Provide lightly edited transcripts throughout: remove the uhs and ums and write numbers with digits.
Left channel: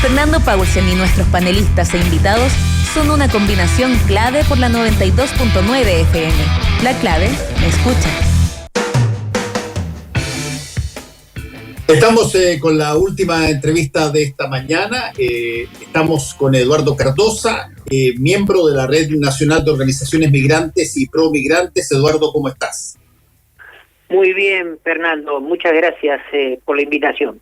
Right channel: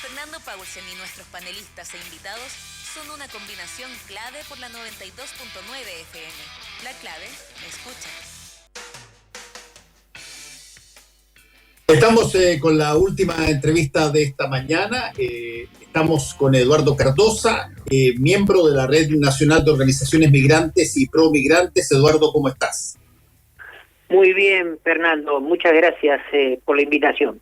Fernando Paulsen y nuestros panelistas e invitados son una combinación clave por la 92.9 FM. La clave me escucha. Estamos con la última entrevista de esta mañana. Estamos con Eduardo Cardosa, miembro de la Red Nacional de Organizaciones Migrantes y Pro-Migrantes. Eduardo, ¿cómo estás? Muy bien, Fernando. Muchas gracias por la invitación.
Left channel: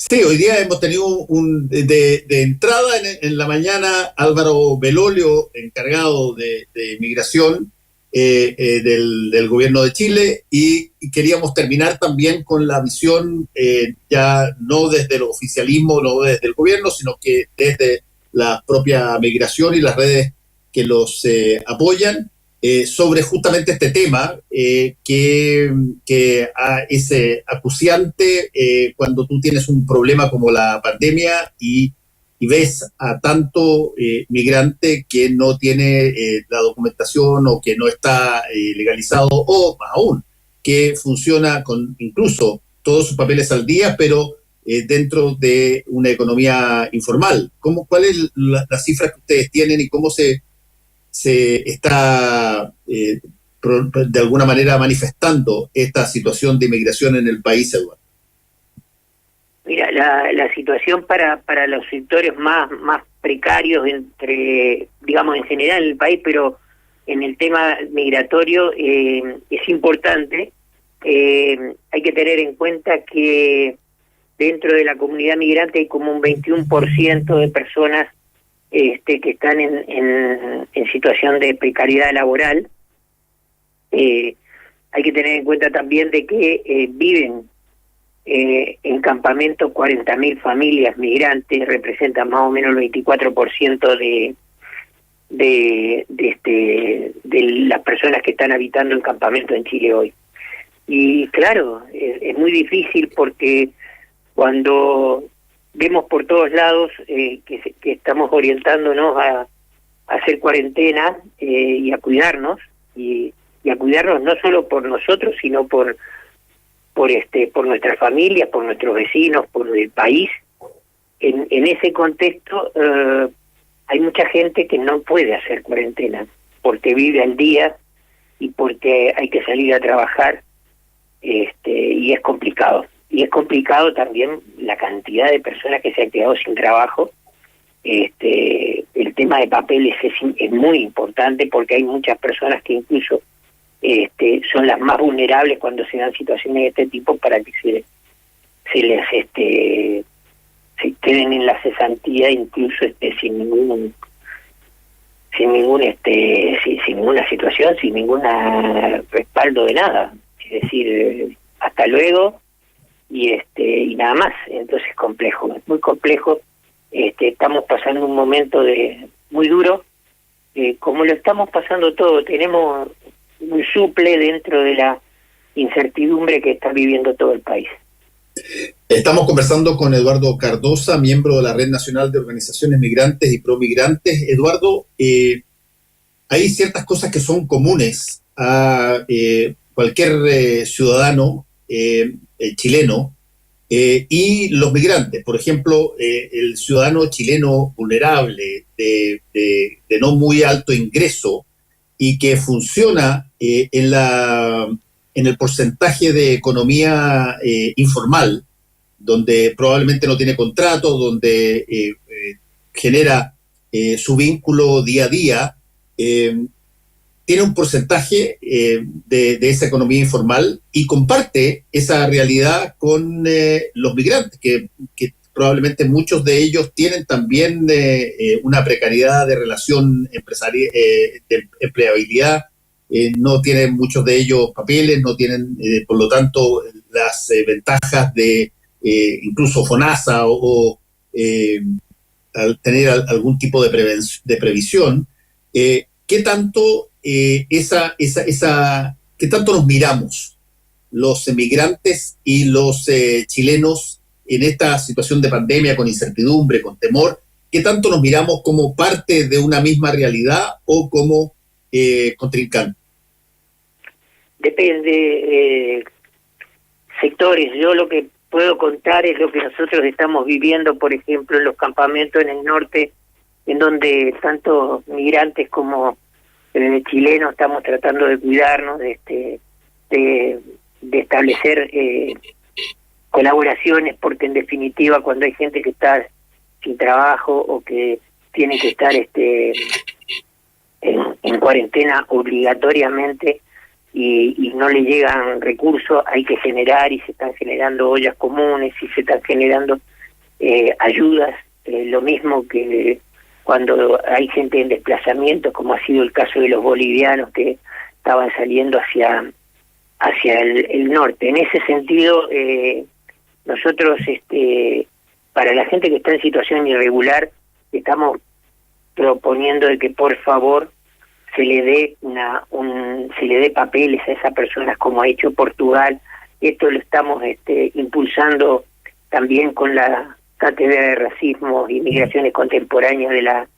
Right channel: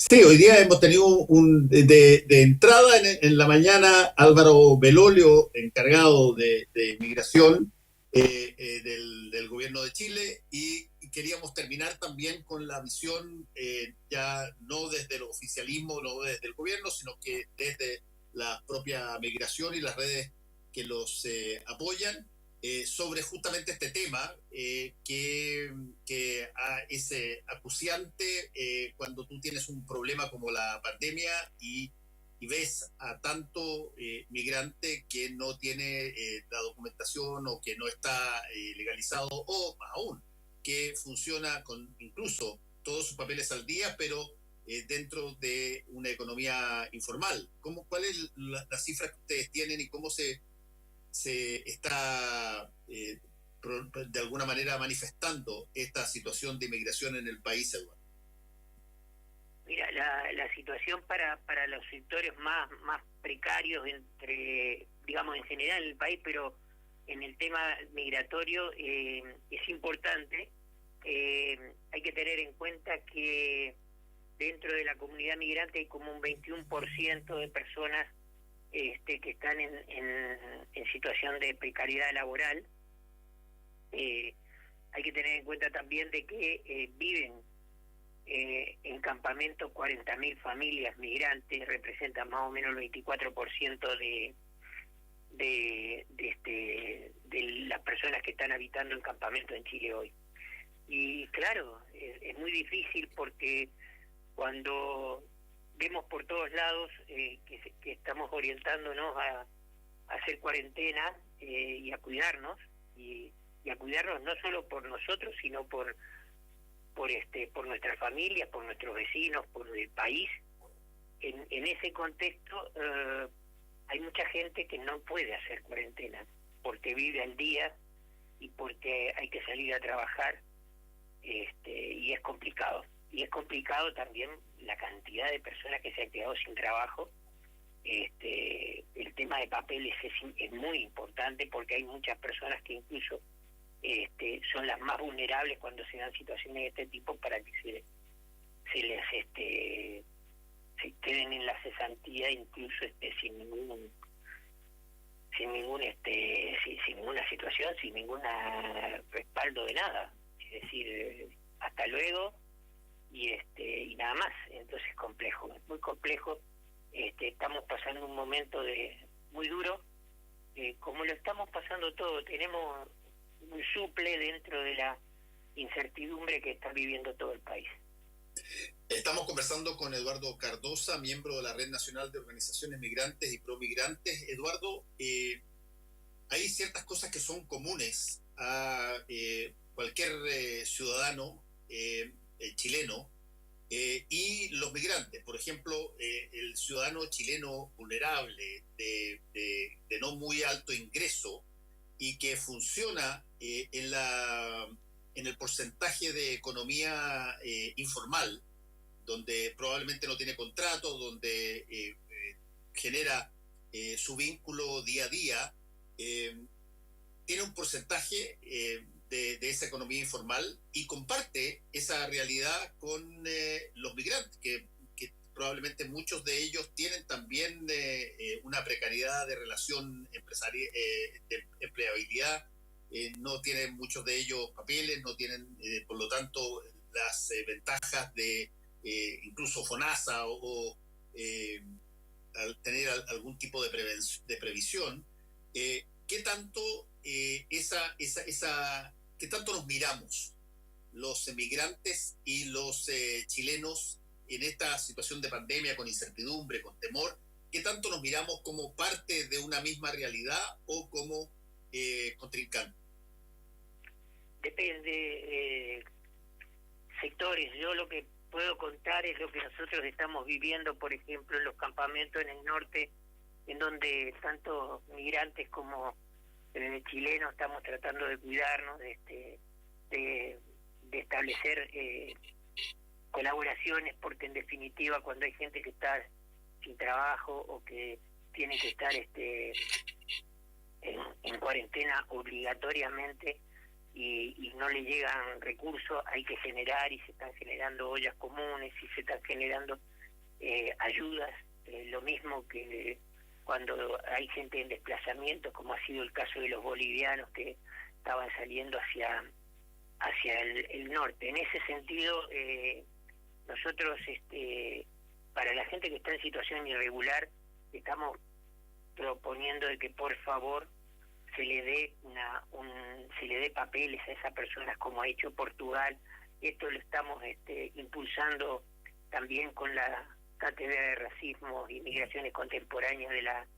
Sí, hoy día hemos tenido de entrada en la mañana Álvaro Belolio, encargado de migración del gobierno de Chile, y queríamos terminar también con la visión ya no desde el oficialismo, no desde el gobierno, sino que desde la propia migración y las redes que los apoyan, sobre justamente este tema que es acuciante cuando tú tienes un problema como la pandemia y ves a tanto migrante que no tiene la documentación o que no está legalizado, o más aún, que funciona con incluso todos sus papeles al día, pero dentro de una economía informal. ¿Cuál es la cifra que ustedes tienen y cómo se está de alguna manera manifestando esta situación de inmigración en el país, Eduardo? Mira, la situación para los sectores más precarios, digamos en general en el país, pero en el tema migratorio es importante. Hay que tener en cuenta que dentro de la comunidad migrante hay como un 21% de personas que están en situación de precariedad laboral. Hay que tener en cuenta también de que viven en campamentos 40.000 familias migrantes, representan más o menos el 24% de las personas que están habitando en campamentos en Chile hoy. Y claro, es muy difícil porque cuando vemos por todos lados que estamos orientándonos a hacer cuarentena y a cuidarnos, y a cuidarnos no solo por nosotros, sino por nuestras familias, por nuestros vecinos, por el país. En ese contexto hay mucha gente que no puede hacer cuarentena porque vive al día y porque hay que salir a trabajar, y es complicado. Y es complicado también la cantidad de personas que se han quedado sin trabajo. El tema de papeles es muy importante porque hay muchas personas que incluso son las más vulnerables cuando se dan situaciones de este tipo para que se queden en la cesantía, incluso sin ninguna situación, sin ningún respaldo de nada. Es decir, hasta luego y nada más. Entonces es muy complejo. Estamos pasando un momento muy duro, como lo estamos pasando todo. Tenemos un suple dentro de la incertidumbre que está viviendo todo el país. Estamos conversando con Eduardo Cardosa, miembro de la Red Nacional de Organizaciones Migrantes y Pro-Migrantes. Eduardo, hay ciertas cosas que son comunes a cualquier ciudadano chileno y los migrantes. Por ejemplo, el ciudadano chileno vulnerable de no muy alto ingreso y que funciona en el porcentaje de economía informal, donde probablemente no tiene contrato, donde genera su vínculo día a día, tiene un porcentaje de esa economía informal y comparte esa realidad con los migrantes, que probablemente muchos de ellos tienen también una precariedad de relación empresarial, de empleabilidad. No tienen muchos de ellos papeles, no tienen, por lo tanto, las ventajas de incluso FONASA o al tener algún tipo de previsión. ¿Qué tanto qué tanto nos miramos los emigrantes y los chilenos en esta situación de pandemia, con incertidumbre, con temor? ¿Qué tanto nos miramos como parte de una misma realidad o como contrincante? Depende sectores. Yo lo que puedo contar es lo que nosotros estamos viviendo, por ejemplo, en los campamentos en el norte, en donde tanto migrantes como chilenos estamos tratando de cuidarnos, de establecer colaboraciones, porque en definitiva cuando hay gente que está sin trabajo o que tiene que estar en cuarentena obligatoriamente y no le llegan recursos, hay que generar, y se están generando ollas comunes y se están generando ayudas, lo mismo que cuando hay gente en desplazamiento, como ha sido el caso de los bolivianos que estaban saliendo hacia el norte. En ese sentido, nosotros, para la gente que está en situación irregular, estamos proponiendo de que por favor se le dé papeles a esas personas, como ha hecho Portugal. Esto lo estamos impulsando también con la Cátedra de Racismo y Migraciones Contemporáneas de la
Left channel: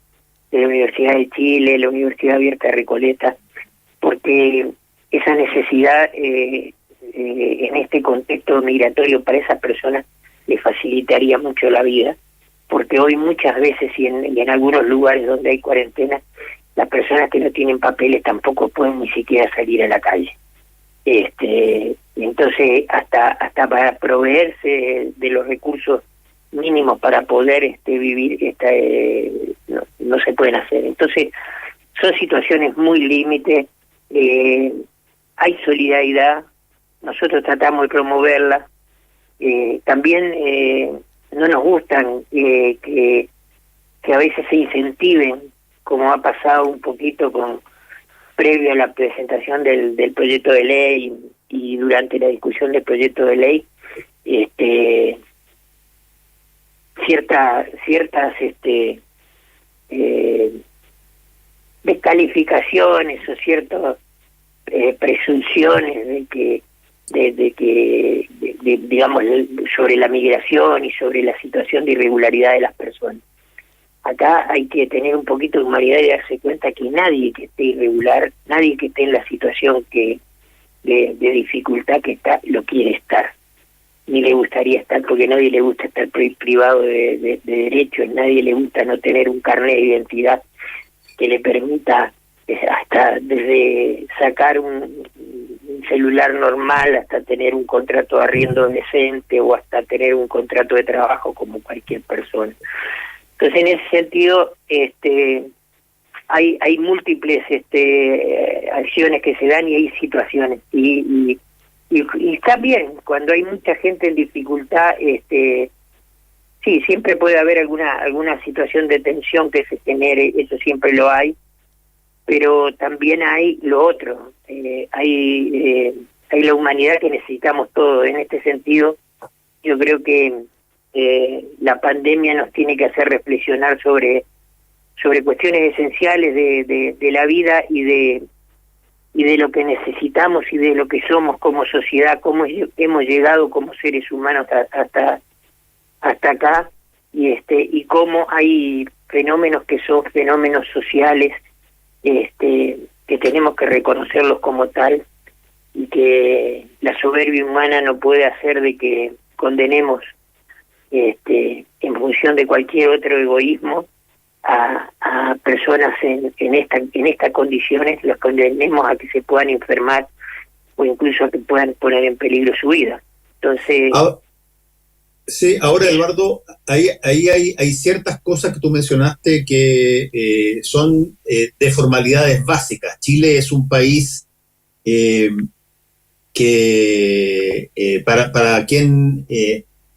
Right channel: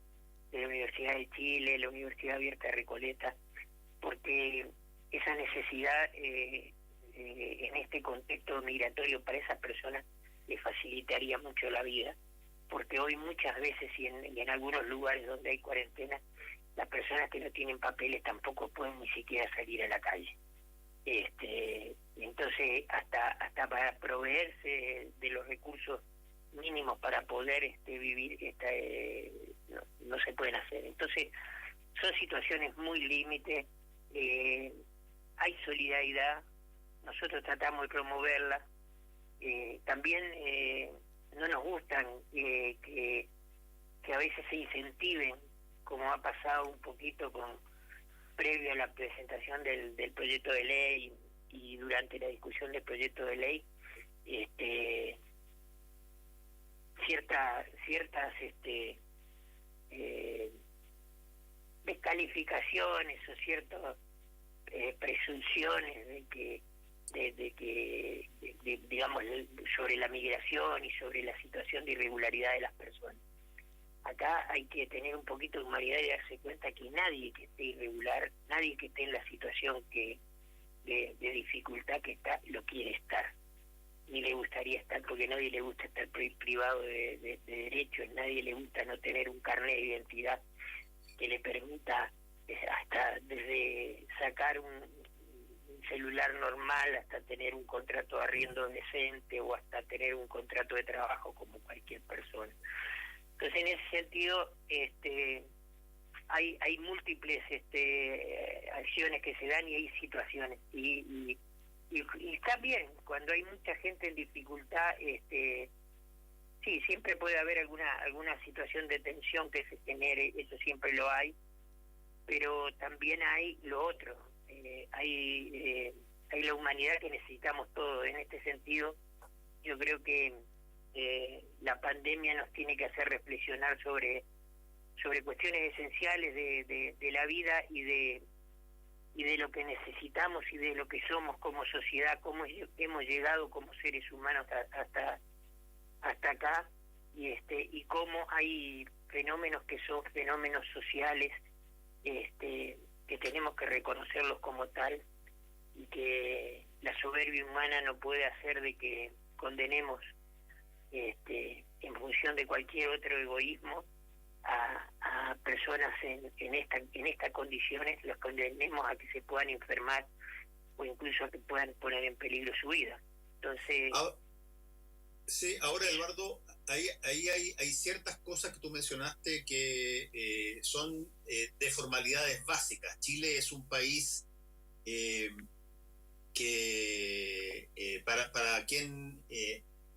Universidad de Chile, la Universidad Abierta de Recoleta, porque esa necesidad en este contexto migratorio para esas personas le facilitaría mucho la vida, porque hoy muchas veces y en algunos lugares donde hay cuarentena, las personas que no tienen papeles tampoco pueden ni siquiera salir a la calle. Entonces, hasta para proveerse de los recursos mínimos para poder vivir, no se pueden hacer. Entonces, son situaciones muy límite. Hay solidaridad, nosotros tratamos de promoverla. También no nos gustan que a veces se incentiven, como ha pasado un poquito previo a la presentación del proyecto de ley y durante la discusión del proyecto de ley, ciertas descalificaciones o ciertas presunciones de que digamos sobre la migración y sobre la situación de irregularidad de las personas. Acá hay que tener un poquito de humanidad y darse cuenta que nadie que esté irregular, nadie que esté en la situación de dificultad que está, lo quiere estar. Ni le gustaría estar, porque a nadie le gusta estar privado de derechos, a nadie le gusta no tener un carnet de identidad que le permita hasta desde sacar un celular normal hasta tener un contrato de arriendo decente o hasta tener un contrato de trabajo como cualquier persona. Entonces, en ese sentido, hay múltiples acciones que se dan y hay situaciones. Y está bien, cuando hay mucha gente en dificultad, sí, siempre puede haber alguna situación de tensión que se genere, eso siempre lo hay, pero también hay lo otro, hay la humanidad que necesitamos todos. En este sentido, yo creo que la pandemia nos tiene que hacer reflexionar sobre cuestiones esenciales de la vida y de lo que necesitamos y de lo que somos como sociedad, cómo hemos llegado como seres humanos hasta acá, y cómo hay fenómenos que son fenómenos sociales, que tenemos que reconocerlos como tal, y que la soberbia humana no puede hacer de que condenemos en función de cualquier otro egoísmo a personas en estas condiciones, los condenemos a que se puedan enfermar o incluso a que puedan poner en peligro su vida. Entonces, sí, ahora Eduardo, ahí hay ciertas cosas que tú mencionaste que son de formalidades básicas. Chile es un país que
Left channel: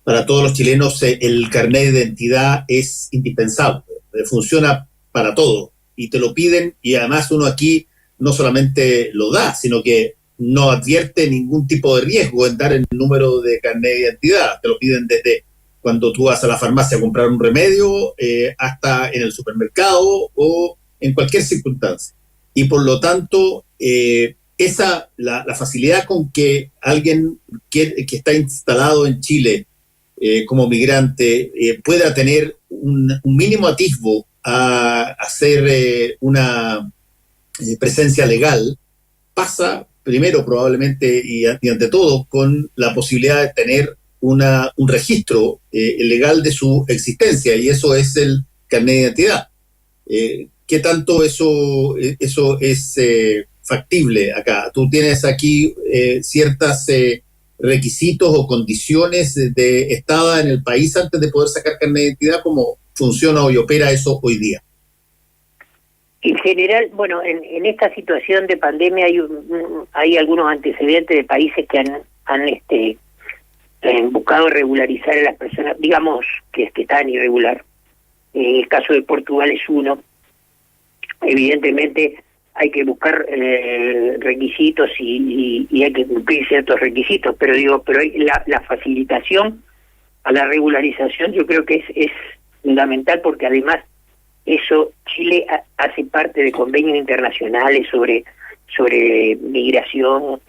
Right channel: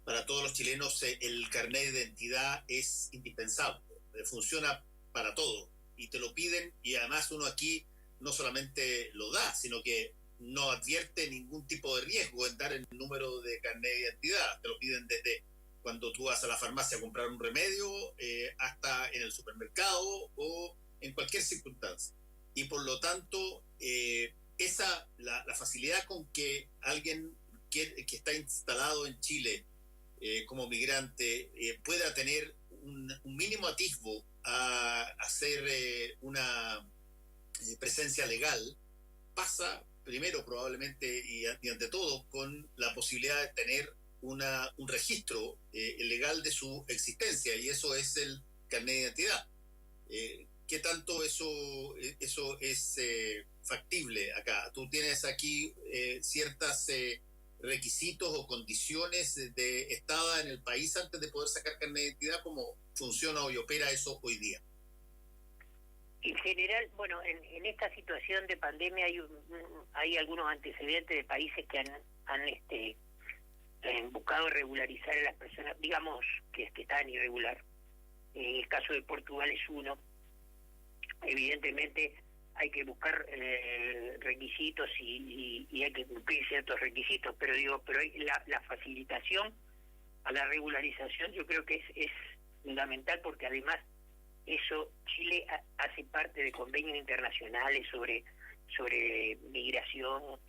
para todos los chilenos el carnet de identidad es indispensable, funciona para todo y te lo piden, y además uno aquí no solamente lo da, sino que no advierte ningún tipo de riesgo en dar el número de carnet de identidad. Te lo piden desde cuando tú vas a la farmacia a comprar un remedio hasta en el supermercado o en cualquier circunstancia. Y por lo tanto, la facilidad con que alguien que está instalado en Chile como migrante pueda tener un mínimo atisbo a hacer una presencia legal, pasa primero probablemente y ante todo con la posibilidad de tener un registro legal de su existencia, y eso es el carnet de identidad. ¿Qué tanto eso es factible acá? ¿Tú tienes aquí ciertos requisitos o condiciones de estada en el país antes de poder sacar carnet de identidad? ¿Cómo funciona y opera eso hoy día? En general, bueno, en esta situación de pandemia hay algunos antecedentes de países que han buscado regularizar a las personas, digamos que están irregular. El caso de Portugal es uno. Evidentemente hay que buscar requisitos y hay que cumplir ciertos requisitos, pero la facilitación a la regularización yo creo que es fundamental, porque además eso Chile hace parte de convenios internacionales sobre migración,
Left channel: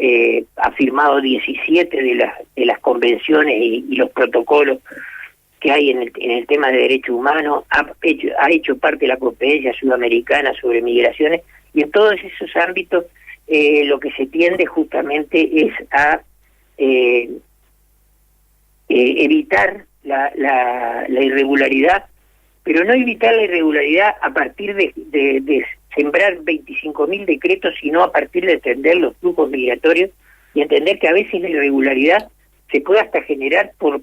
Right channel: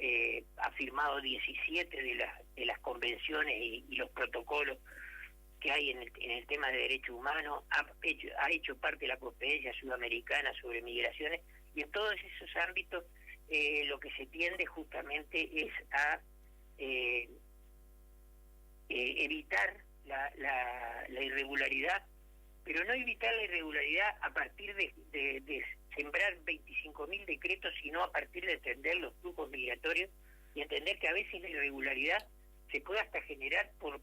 ha firmado 17 de las convenciones y los protocolos que hay en el tema de derechos humanos, ha hecho parte de la Conferencia Sudamericana sobre Migraciones, y en todos esos ámbitos lo que se tiende justamente es a evitar la irregularidad, pero no evitar la irregularidad a partir de sembrar 25.000 decretos, sino a partir de entender los flujos migratorios y entender que a veces la irregularidad se puede hasta generar por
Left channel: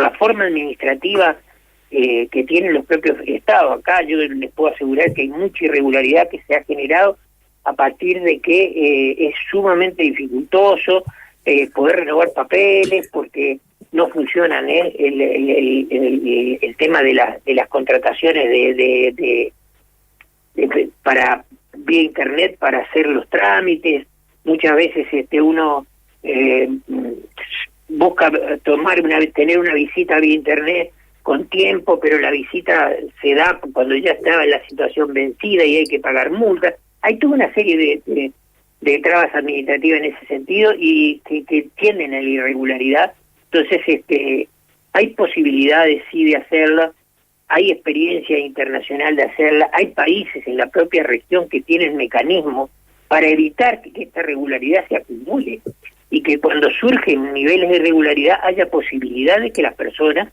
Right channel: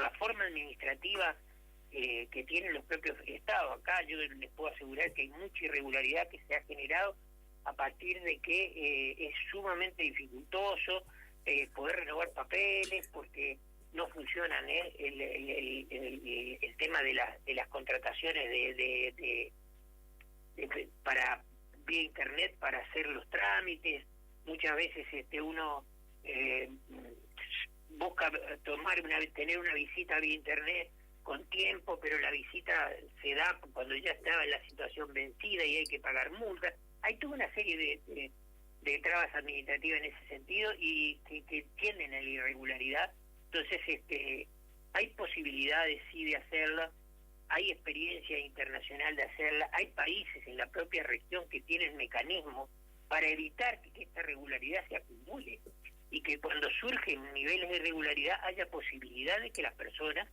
la forma administrativa que tienen los propios estados. Acá yo les puedo asegurar que hay mucha irregularidad que se ha generado a partir de que es sumamente dificultoso poder renovar papeles, porque no funcionan el tema de las contrataciones para vía internet para hacer los trámites. Muchas veces uno busca tener una visita vía internet con tiempo, pero la visita se da cuando ya estaba en la situación vencida y hay que pagar multas. Hay toda una serie de trabas administrativas en ese sentido y que tienden a la irregularidad. Entonces hay posibilidades sí de hacerla, hay experiencia internacional de hacerla, hay países en la propia región que tienen mecanismos para evitar que esta irregularidad se acumule y que cuando surgen niveles de irregularidad haya posibilidad de que las personas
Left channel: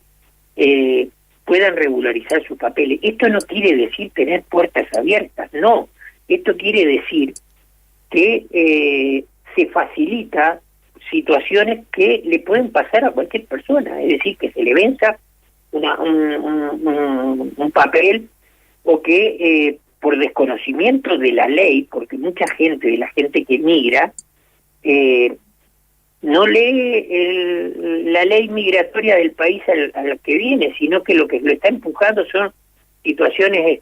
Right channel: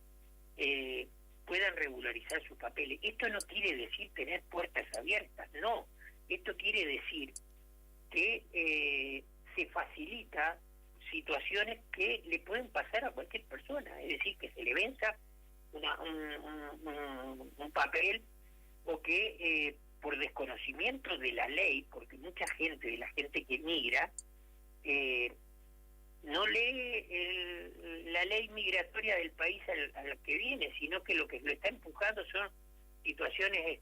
puedan regularizar sus papeles. Esto no quiere decir tener puertas abiertas, no. Esto quiere decir que se facilita situaciones que le pueden pasar a cualquier persona, es decir, que se le venza un papel, o que por desconocimiento de la ley, porque mucha gente, de la gente que migra, no lee la ley migratoria del país al que viene, sino que lo está empujando son situaciones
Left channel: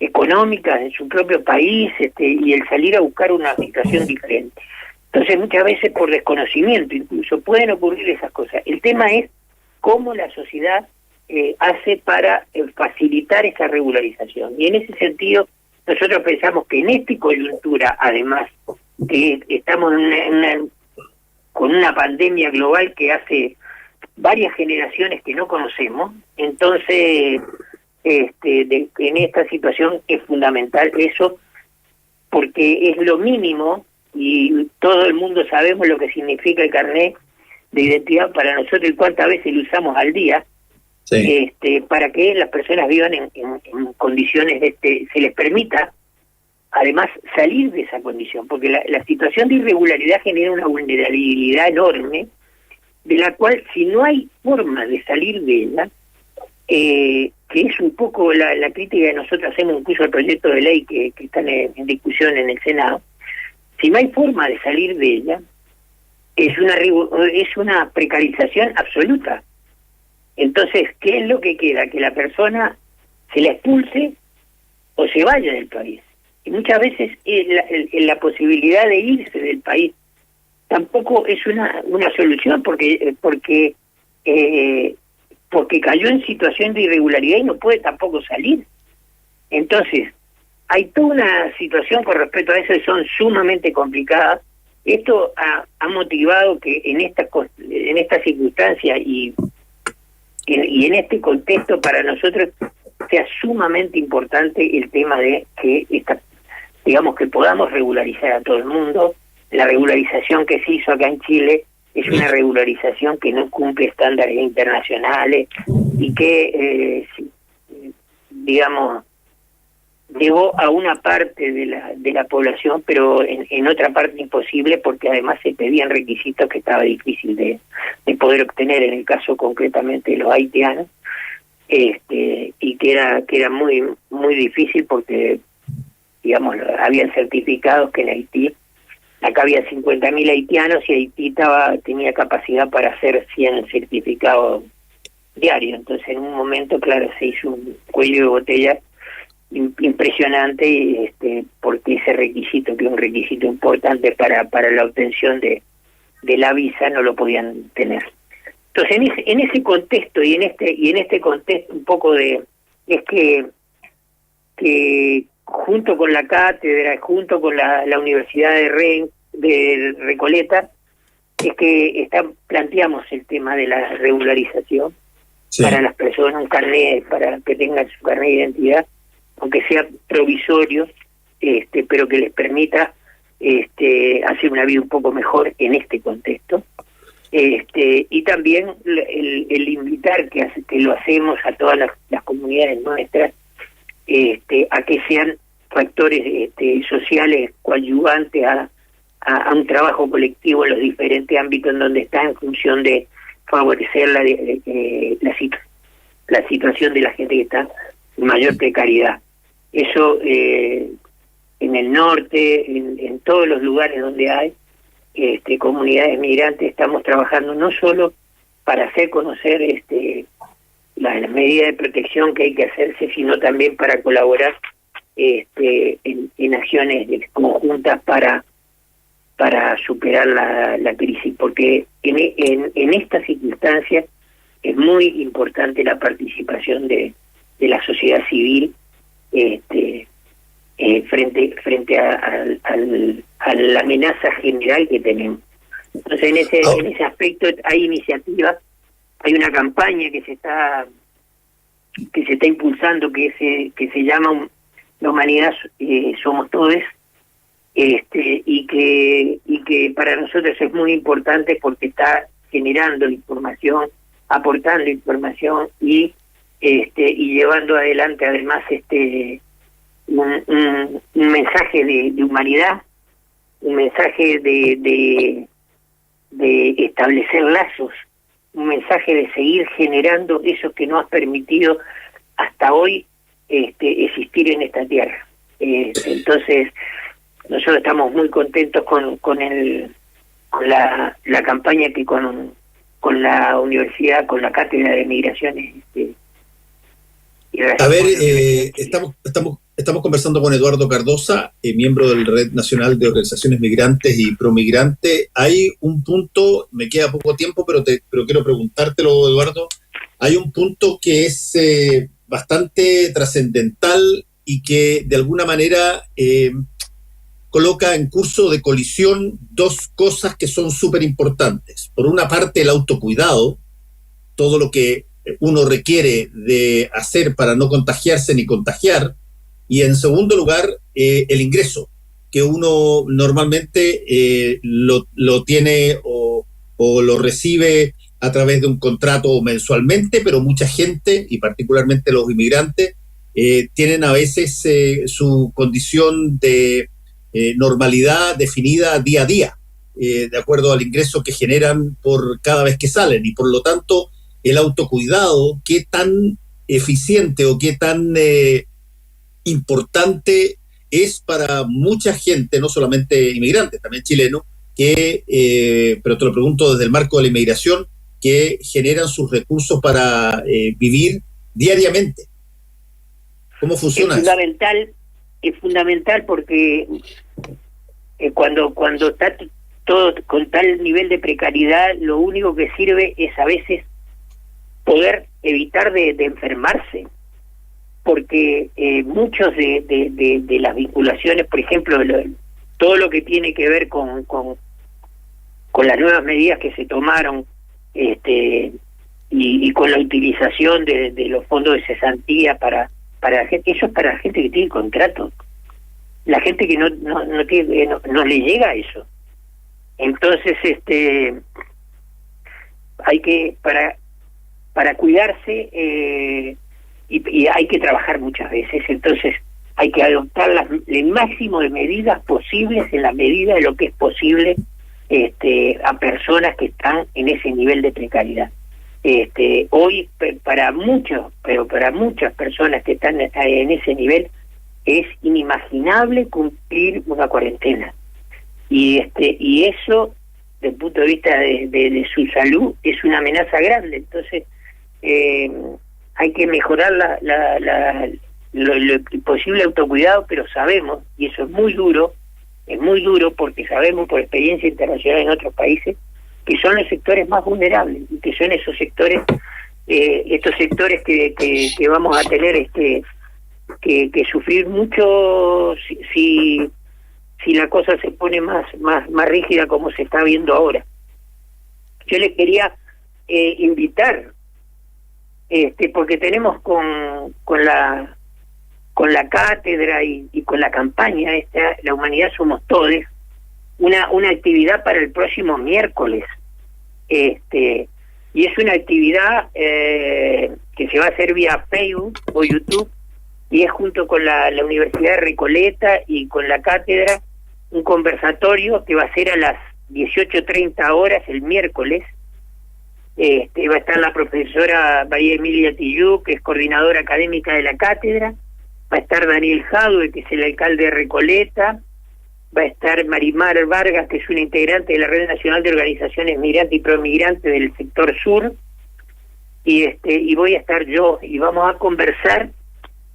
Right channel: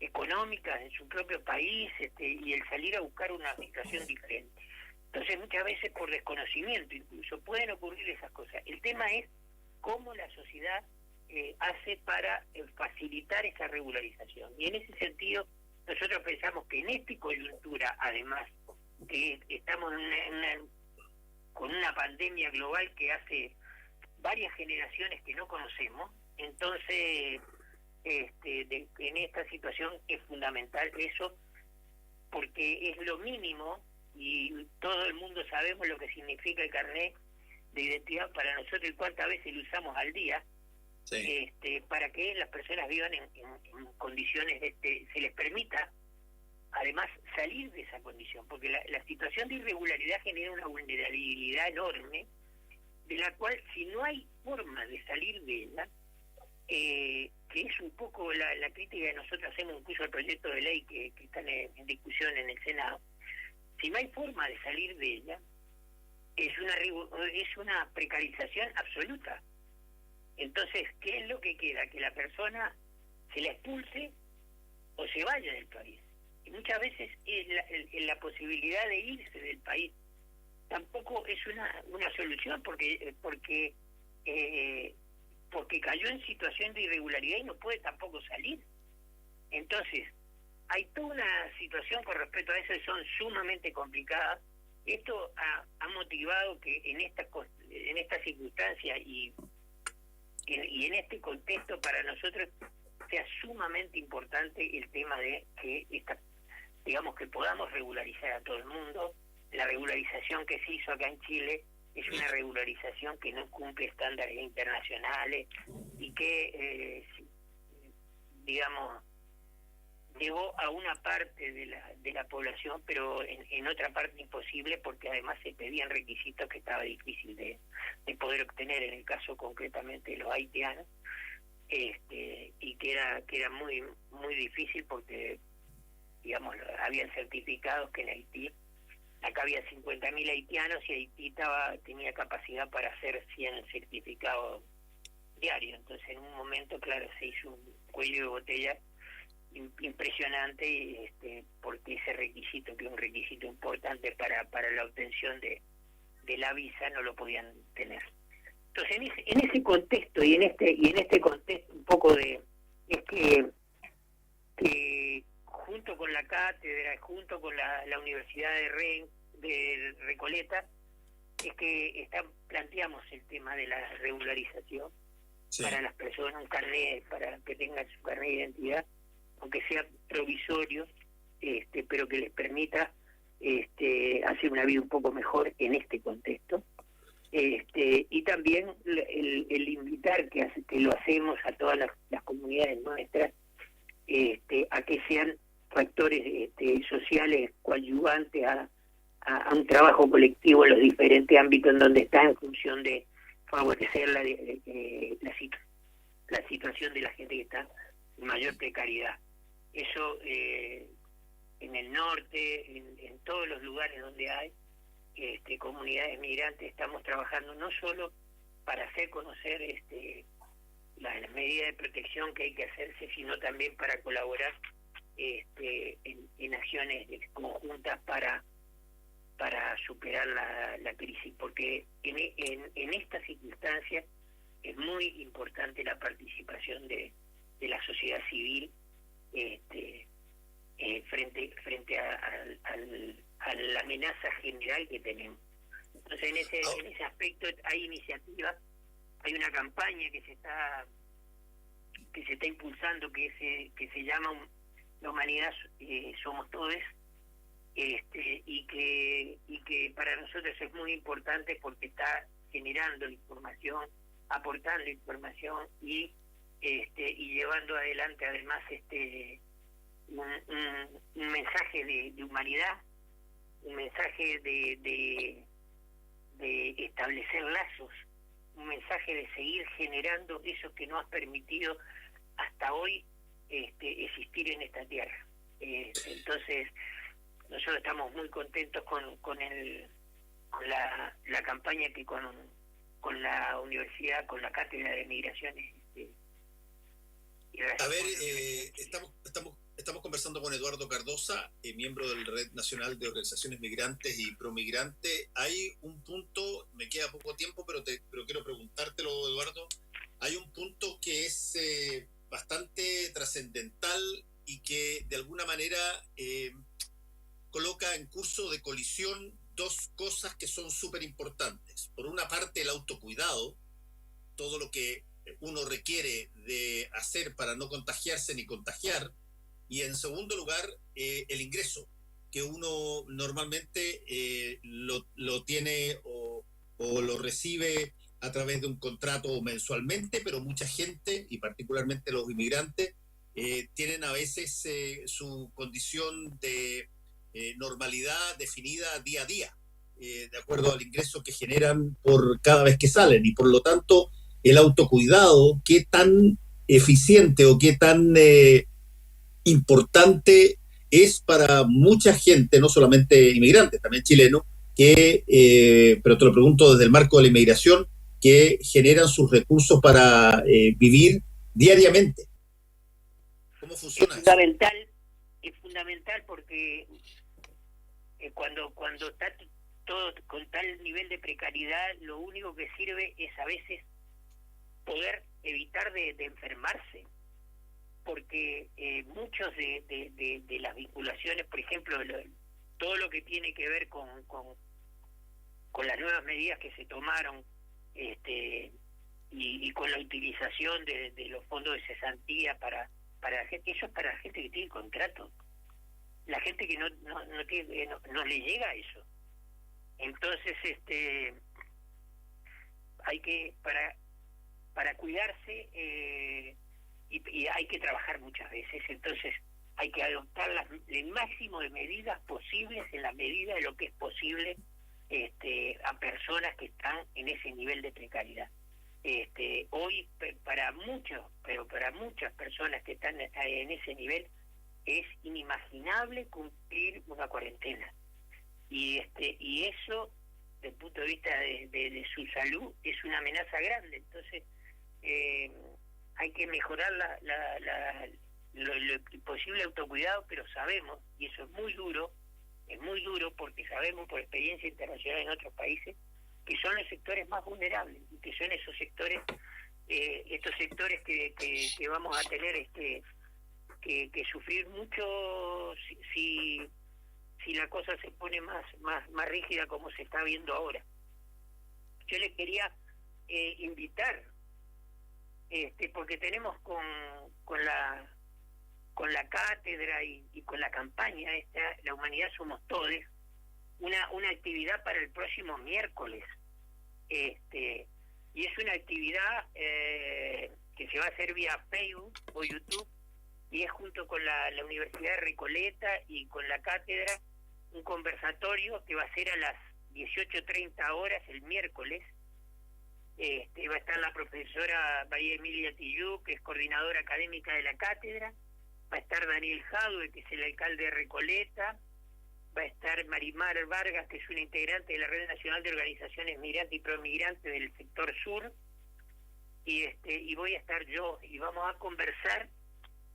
económicas en su propio país, y el salir a buscar una situación diferente. Entonces muchas veces por desconocimiento incluso pueden ocurrir esas cosas. El tema es cómo la sociedad hace para facilitar esa regularización. Y en ese sentido nosotros pensamos que en esta coyuntura, además que estamos con una pandemia global que hace varias generaciones que no conocemos, entonces en esta situación es fundamental eso, porque es lo mínimo, y todo el mundo sabemos lo que significa el carnet de identidad para nosotros y cuántas veces lo usamos al día, sí. Para que las personas vivan en condiciones, se les permita además salir de esa condición, porque la situación de irregularidad genera una vulnerabilidad enorme, de la cual si no hay forma de salir de ella, que es un poco la crítica que nosotros hacemos incluso al proyecto de ley que están en discusión en el Senado, si no hay forma de salir de ella, es una precarización absoluta. Entonces, ¿qué es lo que queda? Que la persona se la expulse o se vaya del país. Y muchas veces la posibilidad de irse del país tampoco es una solución, porque cayó en situación de irregularidad y no puede tampoco salir. Entonces, hay toda una situación con respecto a eso que son sumamente complicadas. Esto ha motivado que en esta circunstancia y en este contexto para nosotros sea sumamente importante el tema de que que podamos regularizar a todo el mundo. La regularización que se hizo acá en Chile es una regularización que no cumple estándares internacionales y que, digamos, llegó a una parte de la población, pero en otra parte imposible, porque además se pedían requisitos que estaba difícil de poder obtener, en el caso concretamente de los haitianos, y que era muy muy difícil porque, digamos, habían certificados que en Haití, acá había 50.000 haitianos y Haití tenía capacidad para hacer 100 certificados diarios. Entonces, en un momento, claro, se hizo un cuello de botella impresionante, porque ese requisito, que es un requisito importante para la obtención de la visa, no lo podían tener. Entonces, en ese contexto y en este contexto un poco es que junto con la cátedra, junto con la Universidad de Recoleta, es que planteamos el tema de la regularización, sí, para las personas, un carnet, para que tengan su carnet de identidad, aunque sea provisorio, pero que les permita hacer una vida un poco mejor en este contexto. Y también el invitar, que lo hacemos a todas las comunidades nuestras, a que sean factores sociales coadyuvantes a un trabajo colectivo en los diferentes ámbitos en donde está, en función de favorecer la situación de la gente que está en mayor precariedad. Eso en el norte, en todos los lugares donde hay comunidades migrantes, estamos trabajando no solo para hacer conocer las medidas de protección que hay que hacerse, sino también para colaborar en acciones conjuntas para superar la crisis, porque en estas circunstancias es muy importante la participación de la sociedad civil frente a la amenaza general que tenemos. Entonces, en ese aspecto hay iniciativas, hay una campaña que se está impulsando, que se llama La Humanidad Somos Todos, y que para nosotros es muy importante porque está generando información, aportando información y llevando adelante además un mensaje de humanidad, un mensaje de establecer lazos, un mensaje de seguir generando eso que nos ha permitido hasta hoy existir en esta tierra. Entonces, nosotros estamos muy contentos con la campaña que con la universidad, con la cátedra de migraciones. A ver, estamos conversando con Eduardo Cardosa, miembro del Red Nacional de Organizaciones Migrantes y Promigrantes. Hay un punto, me queda poco tiempo, pero quiero preguntártelo, Eduardo. Hay un punto que es bastante trascendental y que de alguna manera coloca en curso de colisión dos cosas que son súper importantes. Por una parte, el autocuidado, todo lo que uno requiere de hacer para no contagiarse ni contagiar, y en segundo lugar, el ingreso, que uno normalmente lo tiene o lo recibe a través de un contrato mensualmente, pero mucha gente, y particularmente los inmigrantes, tienen a veces su condición de normalidad definida día a día, de acuerdo al ingreso que generan por cada vez que salen, y por lo tanto el autocuidado, qué tan eficiente o qué tan importante es para mucha gente, no solamente inmigrantes, también chilenos, pero te lo pregunto desde el marco de la inmigración, que generan sus recursos para vivir diariamente. ¿Cómo funciona eso? Es fundamental porque cuando está todo con tal nivel de precariedad, lo único que sirve es a veces poder evitar de enfermarse, porque muchos de las vinculaciones, por ejemplo, todo lo que tiene que ver con las nuevas medidas que se tomaron, y con la utilización de los fondos de cesantía para la gente, eso es para la gente que tiene contrato. La gente que no le llega a eso. Entonces, hay que para cuidarse y hay que trabajar muchas veces, entonces hay que adoptar el máximo de medidas posibles en la medida de lo que es posible a personas que están en ese nivel de precariedad. Hoy para muchas personas que están en ese nivel es inimaginable cumplir una cuarentena y eso desde el punto de vista de su salud es una amenaza grande. Entonces hay que mejorar lo posible autocuidado, pero sabemos, y eso es muy duro porque sabemos por experiencia internacional en otros países, que son los sectores más vulnerables, y que son esos sectores, estos sectores que vamos a tener que sufrir mucho si la cosa se pone más rígida como se está viendo ahora. Yo les quería invitar, porque tenemos con la cátedra y con la campaña La Humanidad Somos Todos, una actividad para el próximo miércoles, y es una actividad que se va a hacer vía Facebook o YouTube, y es junto con la Universidad de Recoleta y con la cátedra, un conversatorio que va a ser a las 18:30 horas el miércoles. Va a estar la profesora María Emilia Tillú, que es coordinadora académica de la cátedra, va a estar Daniel Jadue, que es el alcalde de Recoleta, va a estar Marimar Vargas, que es una integrante de la Red Nacional de Organizaciones Migrantes y Promigrantes del sector sur, y voy a estar yo, y vamos a conversar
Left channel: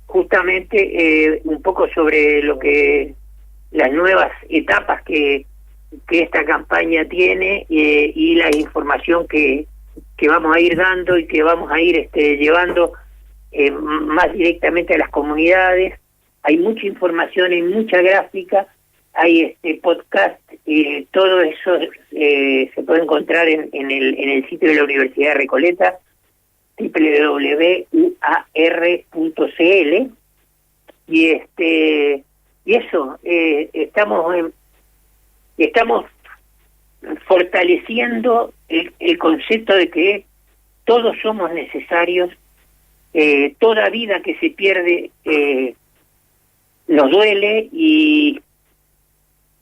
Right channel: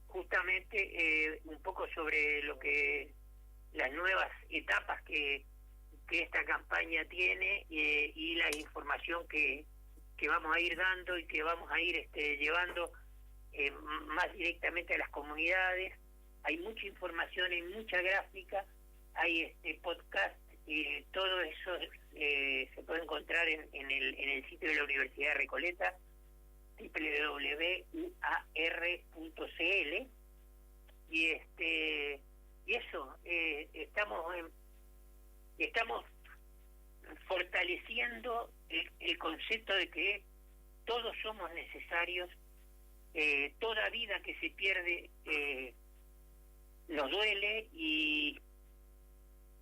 justamente un poco sobre las nuevas etapas que esta campaña tiene y la información que vamos a ir dando y que vamos a ir llevando más directamente a las comunidades. Hay mucha información, hay mucha gráfica, hay podcast, todo eso se puede encontrar en el sitio de la Universidad de Recoleta, www.uar.cl, y eso, estamos fortaleciendo el concepto de que todos somos necesarios. Toda vida que se pierde nos duele, y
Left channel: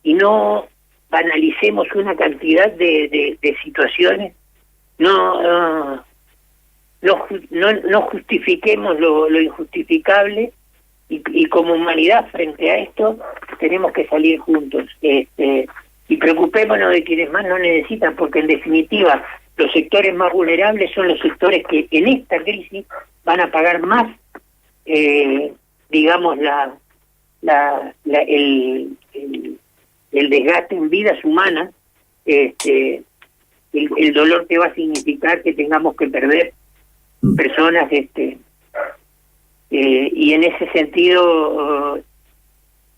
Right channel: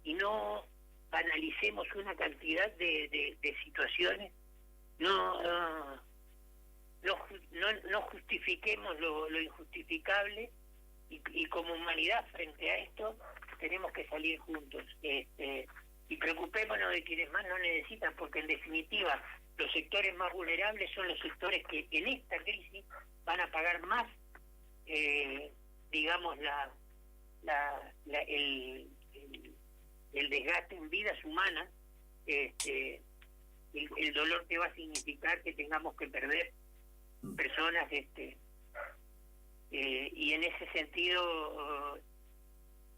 no banalicemos una cantidad de situaciones, no justifiquemos lo injustificable, y como humanidad frente a esto tenemos que salir juntos, y preocupémonos de quienes más nos necesitan, porque en definitiva los sectores más vulnerables son los sectores que en esta crisis van a pagar más, digamos, el desgaste en vidas humanas, el dolor que va a significar que tengamos que perder personas, y en ese sentido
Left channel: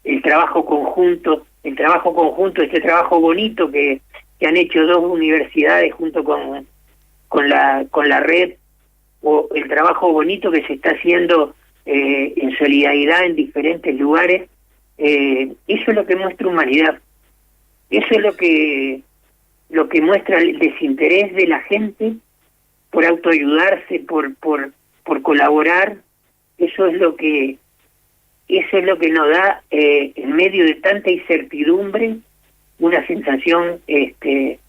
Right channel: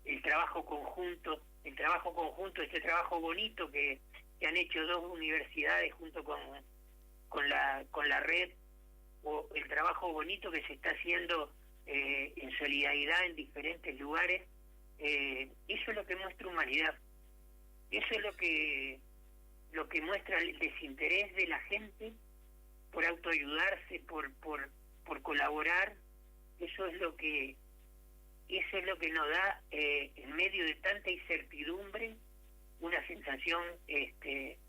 el trabajo conjunto, este trabajo bonito que han hecho dos universidades junto con la red, o el trabajo bonito que se está haciendo en solidaridad en diferentes lugares, eso es lo que muestra humanidad, eso es lo que muestra el desinterés de la gente por autoayudarse, por colaborar. Eso es lo que nos da, en medio de tanta incertidumbre, una sensación de que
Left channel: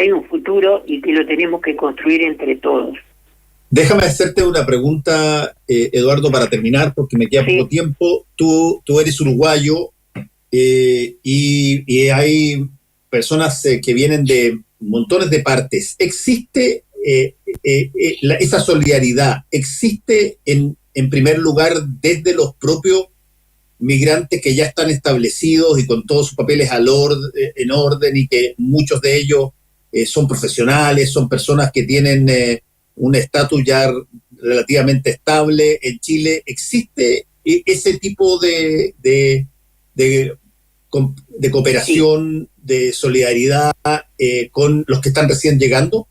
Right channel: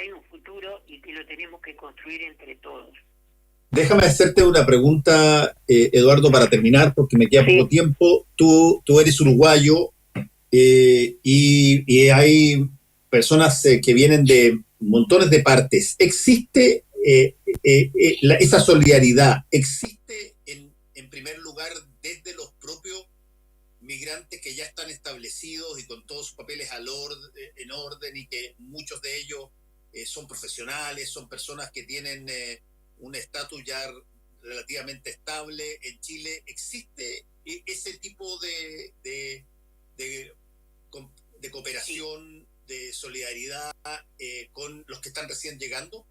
hay un futuro y que lo tenemos que construir entre todos. Déjame hacerte una pregunta, Eduardo, para terminar, porque me queda poco tiempo. Tú eres uruguayo, y hay personas que vienen de montones de partes. ¿Existe esa solidaridad? ¿Existe en primer lugar desde los propios migrantes que ya están establecidos y con todos sus papeles en orden, y que muchos de ellos son profesionales, son personas que tienen un estatus ya relativamente estable en Chile? ¿Existe ese tipo de cooperación, de solidaridad con los que están recién llegando?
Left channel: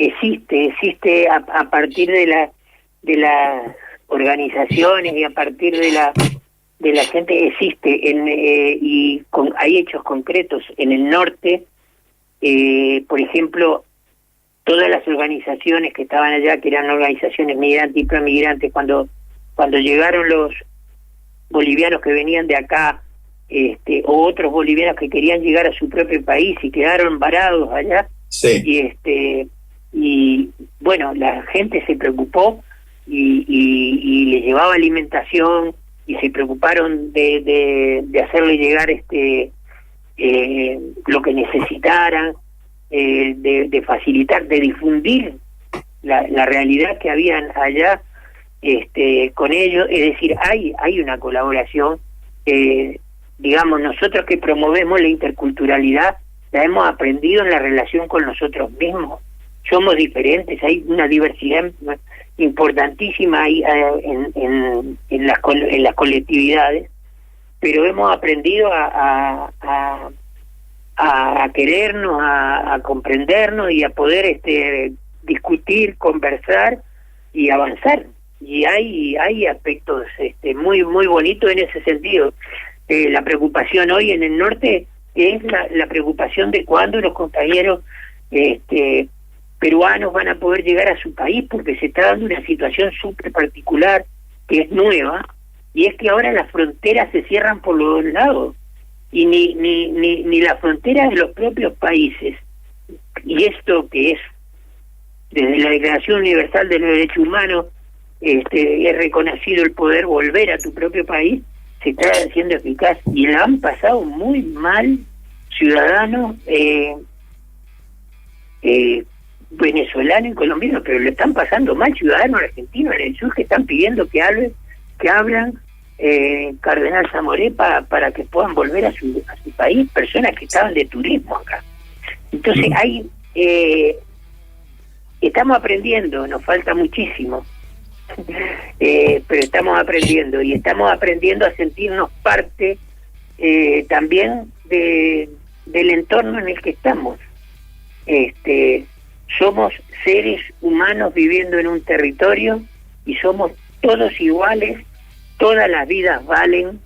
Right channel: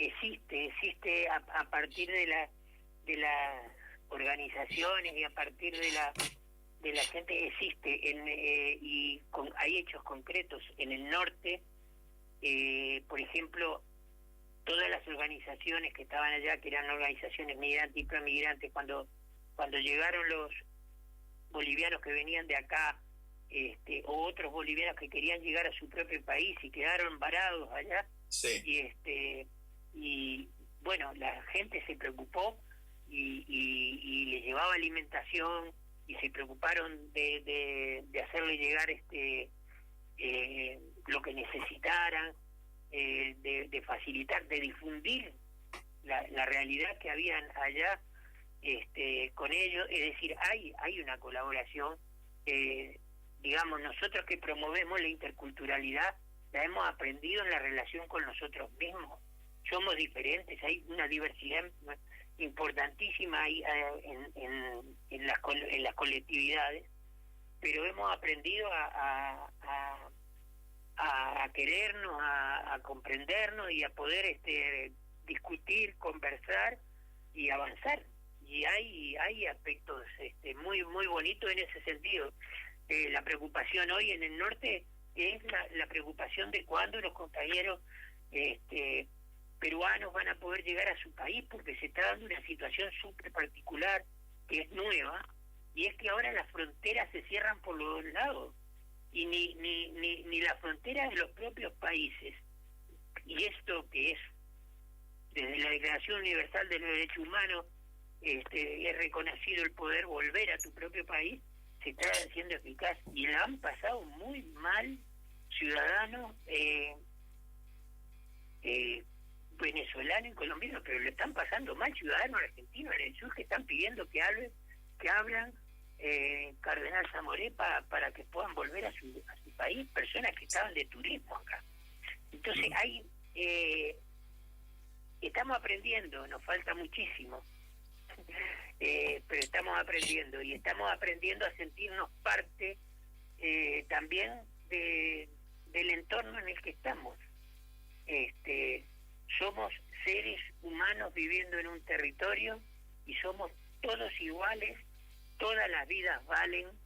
Existe a partir de las organizaciones y a partir de la gente, existe hay hechos concretos en el norte. Por ejemplo, todas las organizaciones que estaban allá, que eran organizaciones migrantes y promigrantes, cuando llegaron los bolivianos que venían de acá, o otros bolivianos que querían llegar a su propio país y quedaron varados allá, sí. y bueno, la gente se preocupó y les llevaba alimentación y se preocuparon de hacerle llegar lo que necesitaran, de facilitar, de difundir la realidad que habían allá con ellos. Es decir, hay una colaboración. Digamos, nosotros que promovemos la interculturalidad la hemos aprendido en la relación con nosotros mismos. Somos diferentes, hay una diversidad importantísima ahí, en las colectividades, pero hemos aprendido a querernos, a comprendernos y a poder discutir, conversar y avanzar. Y hay aspectos muy muy bonitos en ese sentido. La preocupación hoy en el norte es la preocupación de cuándo los compañeros peruanos van a poder llegar a su país, porque se está dando una situación súper particular que es nueva, y es que ahora las fronteras se cierran por los dos lados, y ni las fronteras de los propios países, y esto que es desde la Declaración Universal de los Derechos Humanos, es reconocido el poder volver a tu propio país, se está haciendo eficaz, y la han pasado muy mal ciudadanos venezolanos y colombianos, pero le están pasando mal ciudadanos argentinos en el sur, que están pidiendo que hablan Cardenal Zamoré para que puedan volver a su país, personas que estaban de turismo acá. Entonces estamos aprendiendo, nos falta muchísimo, pero estamos aprendiendo, y estamos aprendiendo a sentirnos parte también del entorno en el que estamos. Somos seres humanos viviendo en un territorio y somos todos iguales, todas las vidas valen,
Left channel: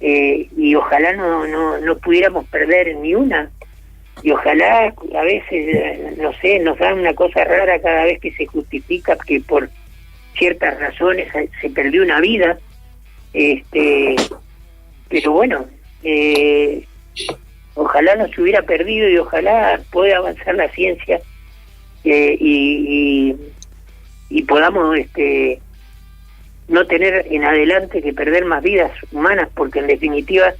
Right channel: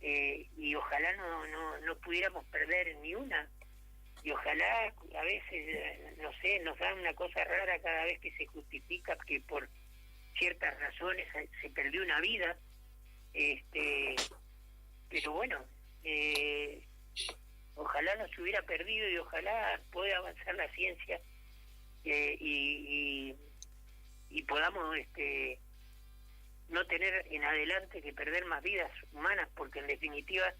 y ojalá no pudiéramos perder ni una, y ojalá a veces, no sé, nos da una cosa rara cada vez que se justifica que por ciertas razones se perdió una vida, pero bueno, ojalá no se hubiera perdido, y ojalá pueda avanzar la ciencia y podamos no tener en adelante que perder más vidas humanas, porque en definitiva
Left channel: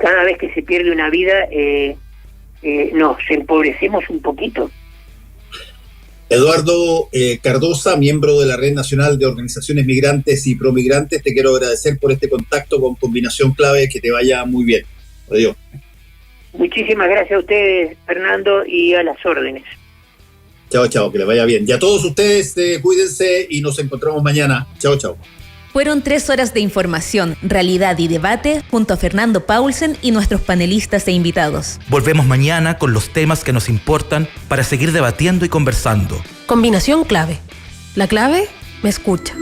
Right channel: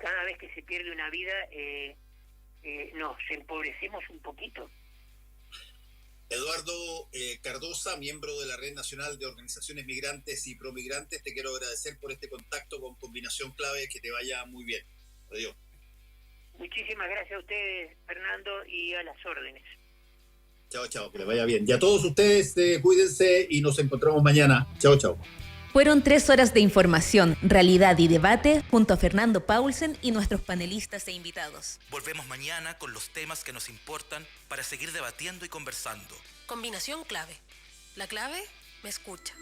cada vez que se pierde una vida nos empobrecemos un poquito. Eduardo Cardosa, miembro de la Red Nacional de Organizaciones Migrantes y Promigrantes, te quiero agradecer por este contacto con Combinación Clave, que te vaya muy bien. Adiós. Muchísimas gracias a ustedes, Fernando, y a las órdenes. Chao, que les vaya bien. Y a todos ustedes, cuídense y nos encontramos mañana. Chao. Fueron 3 horas de información, realidad y debate junto a Fernando Paulsen y nuestros panelistas e invitados. Volvemos mañana con los temas que nos importan para seguir debatiendo y conversando. Combinación Clave. La clave me escucha.